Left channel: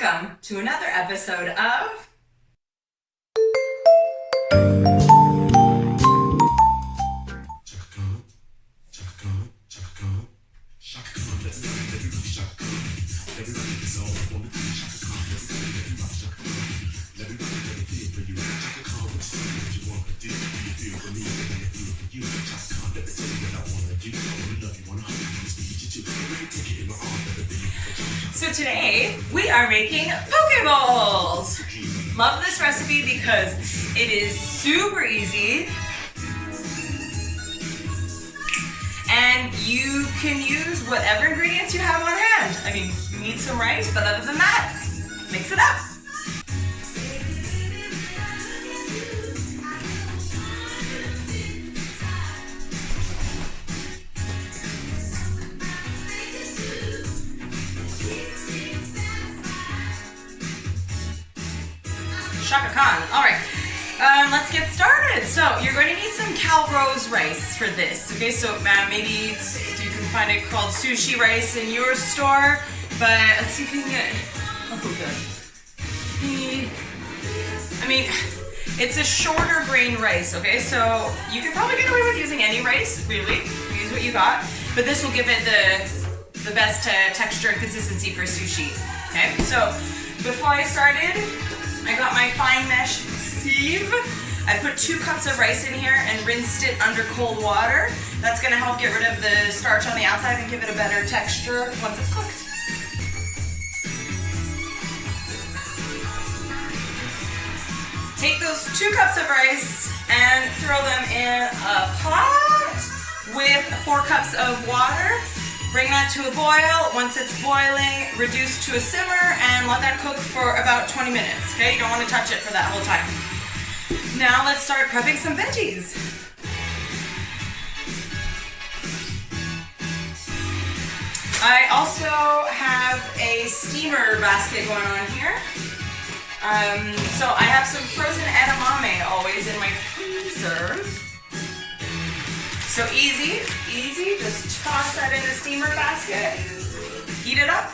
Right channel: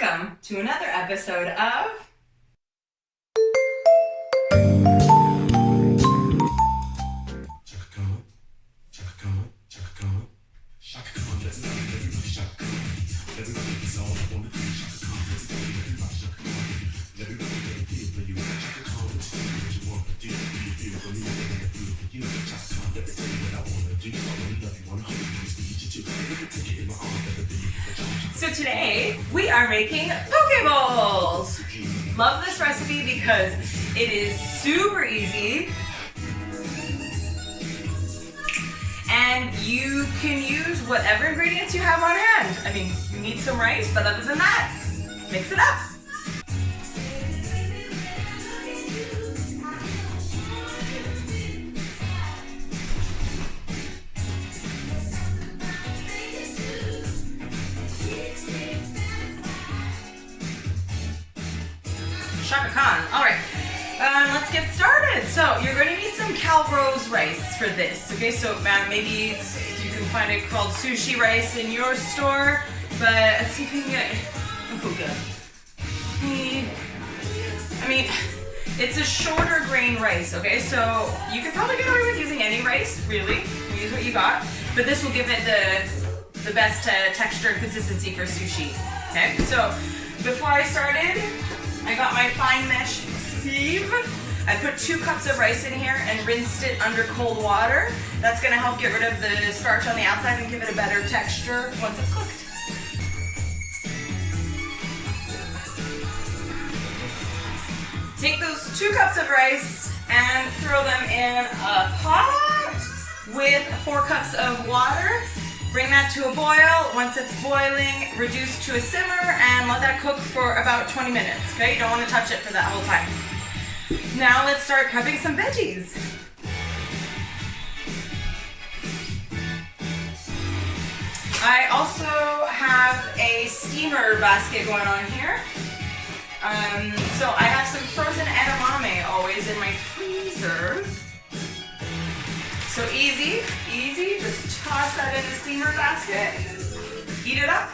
Welcome to another episode of So today we are making Pokeballs. Love this recipe because it is super easy and you can use whatever ingredients you have on hand. I mean, you need some rice, but other than that, mix it up. Shaka Khan. All right, let's get started. So you're going to need some Calrose rice for this. Okay, so maybe you can find it called sushi rice in your store, but let's see if we can get, oh good. I mean, it's a shorter grain rice, okay? So you can probably get away with using any rice, really. Use what you got, but this will give it the best texture and consistency for sushi, okay? So before I started, I got my fine mesh sieve. I put 2 cups of rice in here and rinsed it under cold water. That's gonna help get rid of the starch on the outside and give it a better texture once it's cooked. Take those 2 cups of rice and throw them in a pot with 4 cups of water. Bring that to a boil. Once it's boiling, reduce to a simmer and let that cook for about 20 minutes, okay? You don't want to touch it for that whole time. Now let's start prepping some veggies. I also have a steamer basket going on here. So I have some frozen edamame always in my freezer. So easy, just toss that in the steamer basket, heat it up,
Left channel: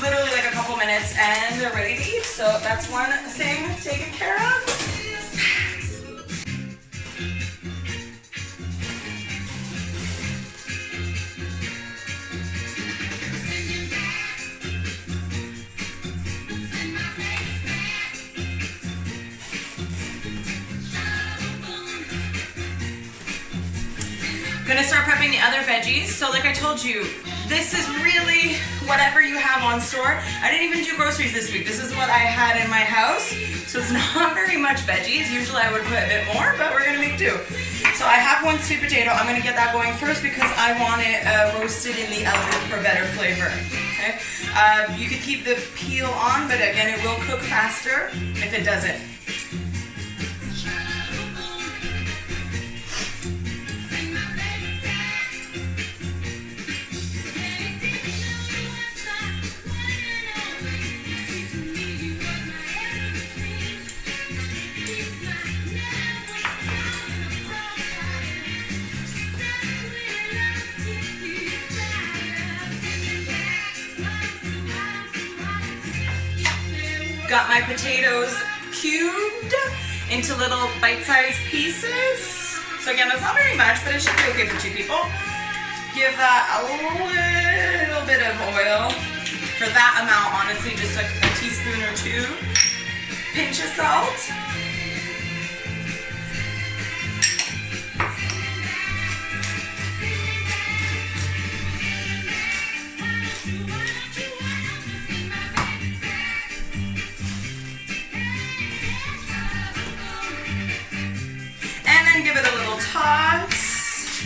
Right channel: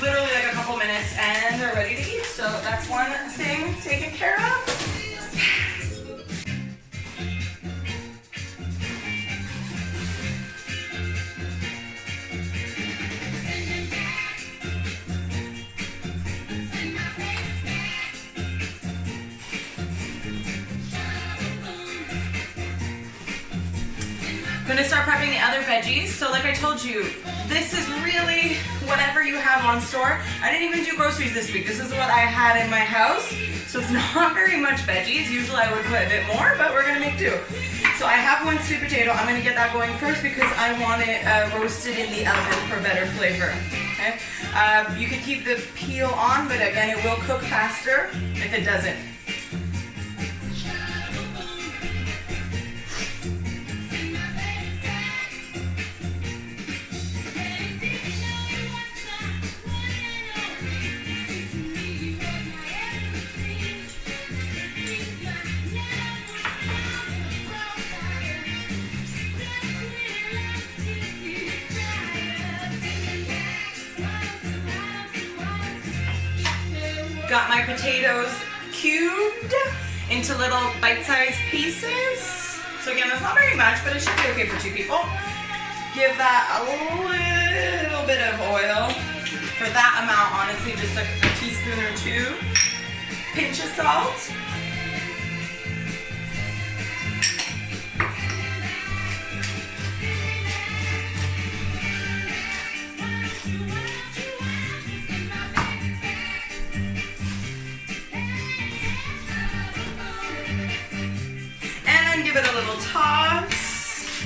literally like a couple minutes and they're ready to eat. So that's one thing taken care of. Gonna start prepping the other veggies. So like I told you, this is really whatever you have on store. I didn't even do groceries this week. This is what I had in my house. So it's not very much veggies. Usually I would put a bit more, but we're gonna make do. So I have 1 sweet potato. I'm gonna get that going first because I want it roasted in the oven for better flavor. Okay. You could keep the peel on, but again, it will cook faster if it doesn't. Got my potatoes cubed into little bite-sized pieces. So again, that's not very much, but it should be okay for 2 people. Give that a little bit of oil. For that amount, honestly, just a teaspoon or 2. Pinch of salt. Give it a little toss.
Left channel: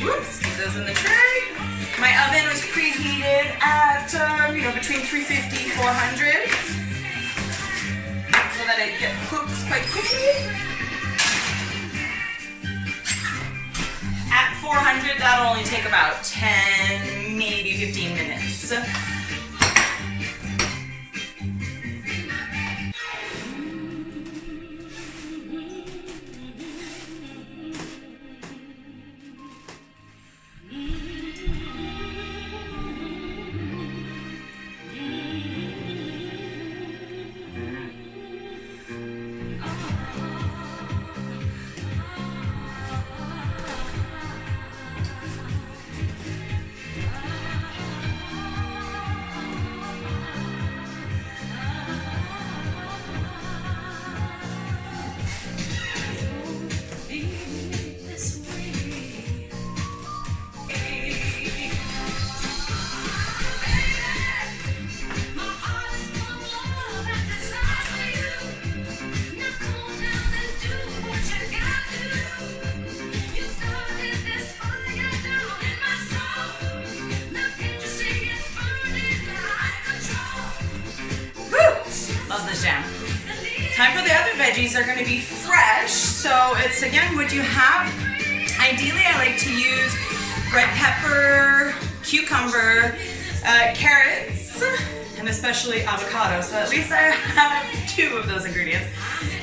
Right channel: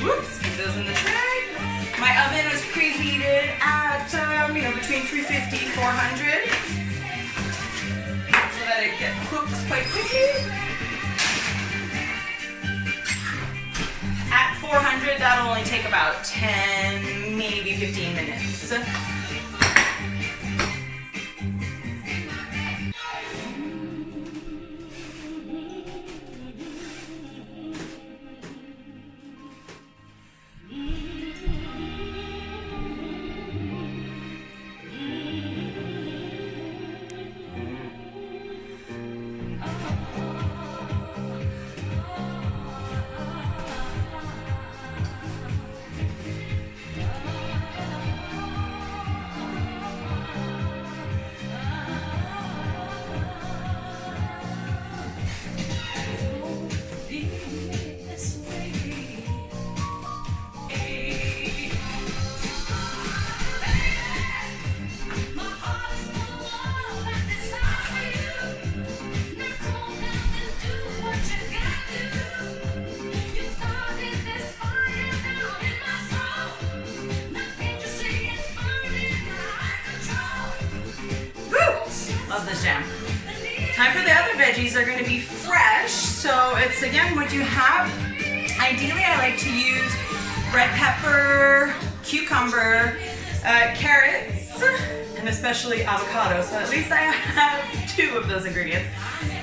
Whoops, keep those in the tray. My oven was preheated at, between 350, 400, so that it cooks quite quickly. At 400, that'll only take about 10, maybe 15 minutes. veggies are gonna be fresh. So it's, again, what you have. Ideally, I like to use red pepper, cucumber, carrots, and especially avocado. So at least I have 2 of those ingredients.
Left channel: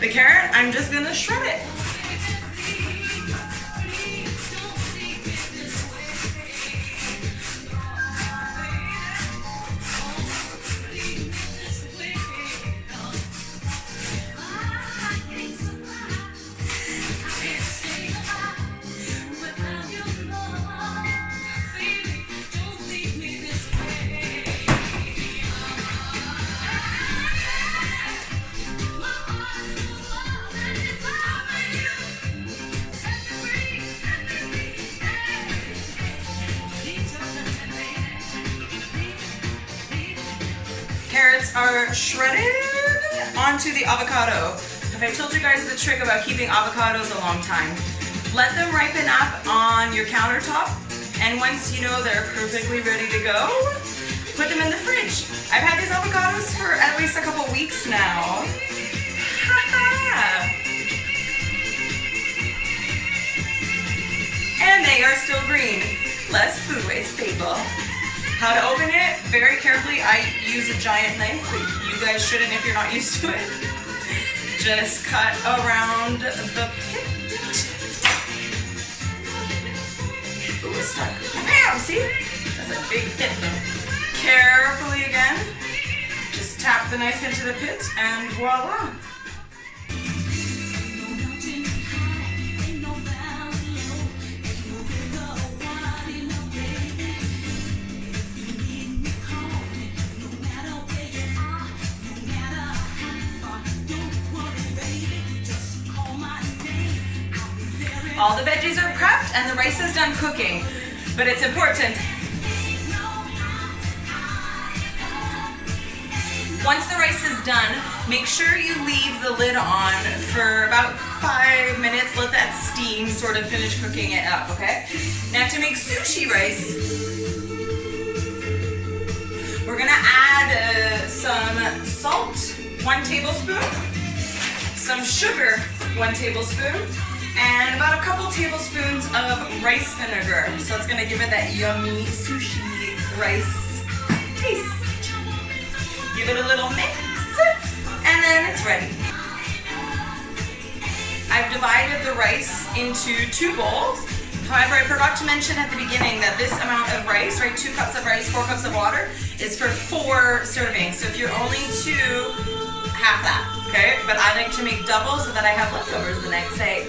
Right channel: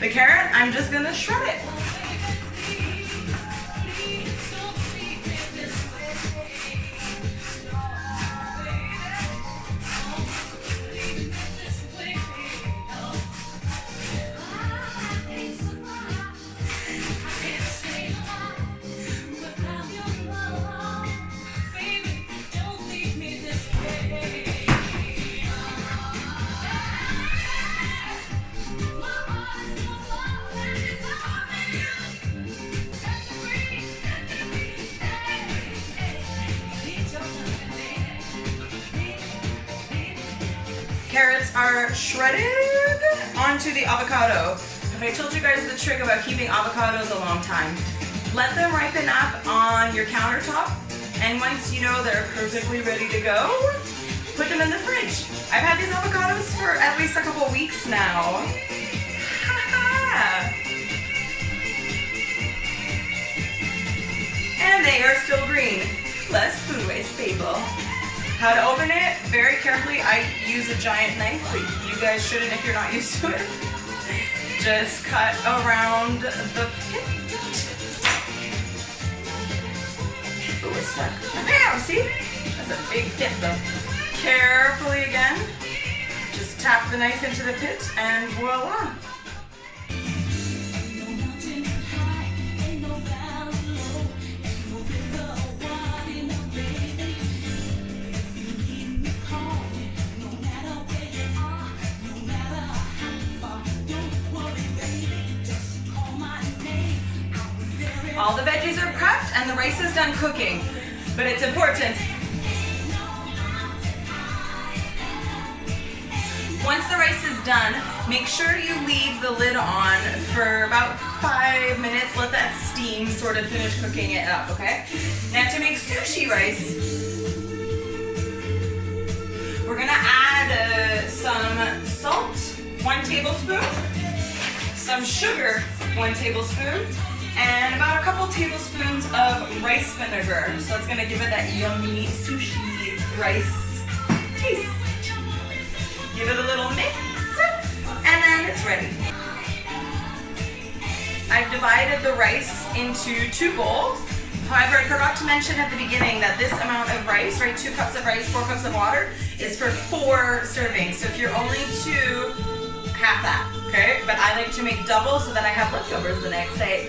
The carrot, I'm just gonna shred it. Carrots are shredded onto the avocado. Have I told you guys the trick about keeping avocados a long time? Let them ripen up on your countertop, and once you know they're perfectly ready to go, put them in the fridge. I've had these avocados for at least a couple weeks now. And they are still green. Less food waste, people. How to open it? Very carefully. I use a giant knife, but you guys shouldn't if you're not used to it. Just cut around the pit. Ooh, it's stuck. Wow, see? That's a big pit though. Carefully again. Just tap the knife into the pit and voila. All the veggies are prepped and the rice is done cooking, but it's important. Once the rice is done, make sure you leave the lid on for about 5 minutes. Let that steam sort of finish cooking it up, okay? Now to make sushi rice, we're gonna add some salt, 1 tablespoon, some sugar, 1 tablespoon, and about a couple tablespoons of rice vinegar. So it's gonna give it that yummy sushi rice taste. Give it a little mix, and then it's ready. I've divided the rice into 2 bowls. However, I forgot to mention at the beginning that this amount of rice, right, 2 cups of rice, 4 cups of water, is for 4 servings. So if you're only 2, half that, okay? But I like to make double so that I have leftovers the next day.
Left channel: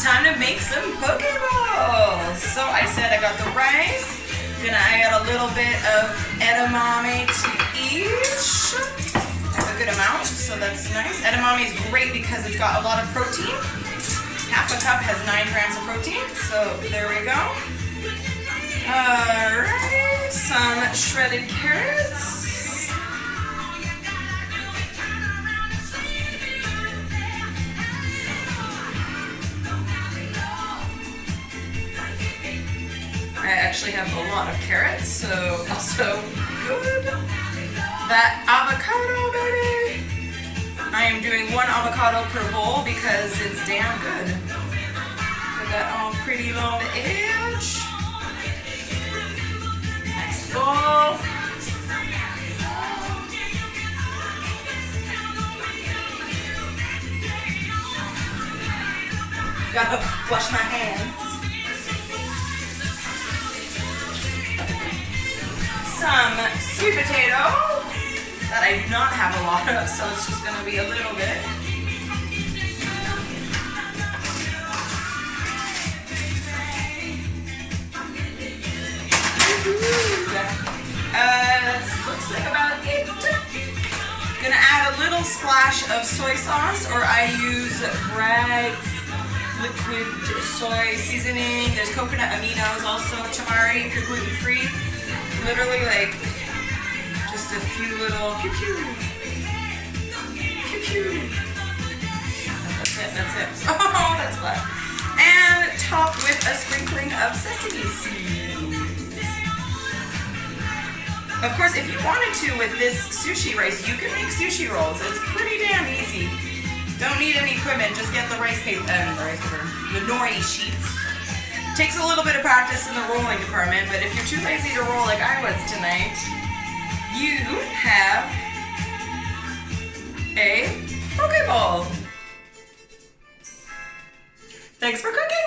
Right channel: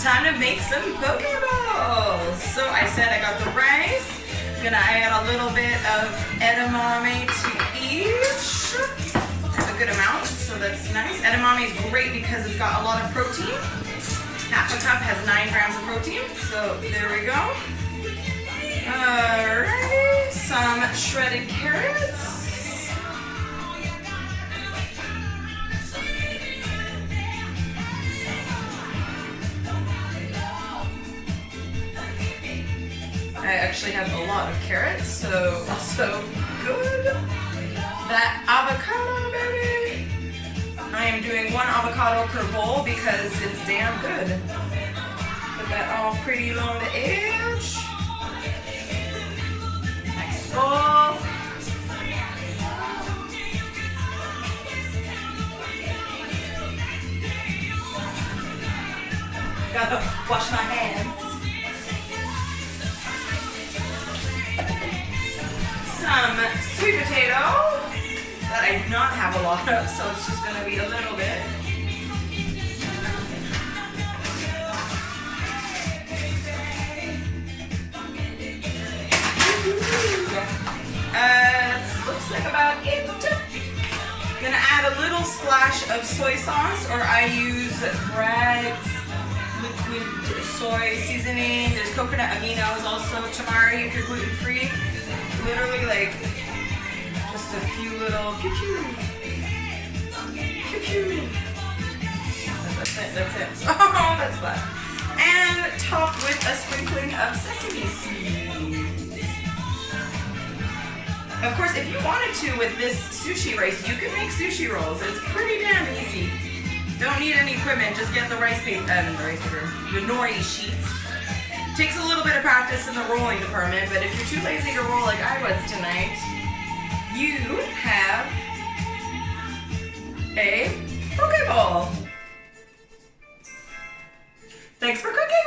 Time to make some poke bowls. So I said I got the rice. Gonna add a little bit of edamame to each. I have a good amount, so that's nice. Edamame is great because it's got a lot of protein. Half a cup has 9 grams of protein, so there we go. Alrighty, some shredded carrots. I actually have a lot of carrots, so also good. That avocado, baby. I am doing 1 avocado per bowl because it's damn good. Put that all pretty along the edge. Next bowl. Gotta wash my hands. Some sweet potato that I do not have a lot of, so it's just gonna be a little bit. That looks like about it. Gonna add a little splash of soy sauce, or I use Bragg's liquid soy seasoning. There's coconut aminos, also tamari if you're gluten-free. Literally like just a few little pew pew. Pew pew. That's it. Oh, that's flat. And topped with a sprinkling of sesame seeds. Of course, if you wanted to with this sushi rice, you can make sushi rolls. It's pretty damn easy. Don't need any equipment, just get the the nori sheets. Takes a little bit of practice in the rolling department, but if you're too lazy to roll like I was tonight, you have a poke bowl. Thanks for cooking!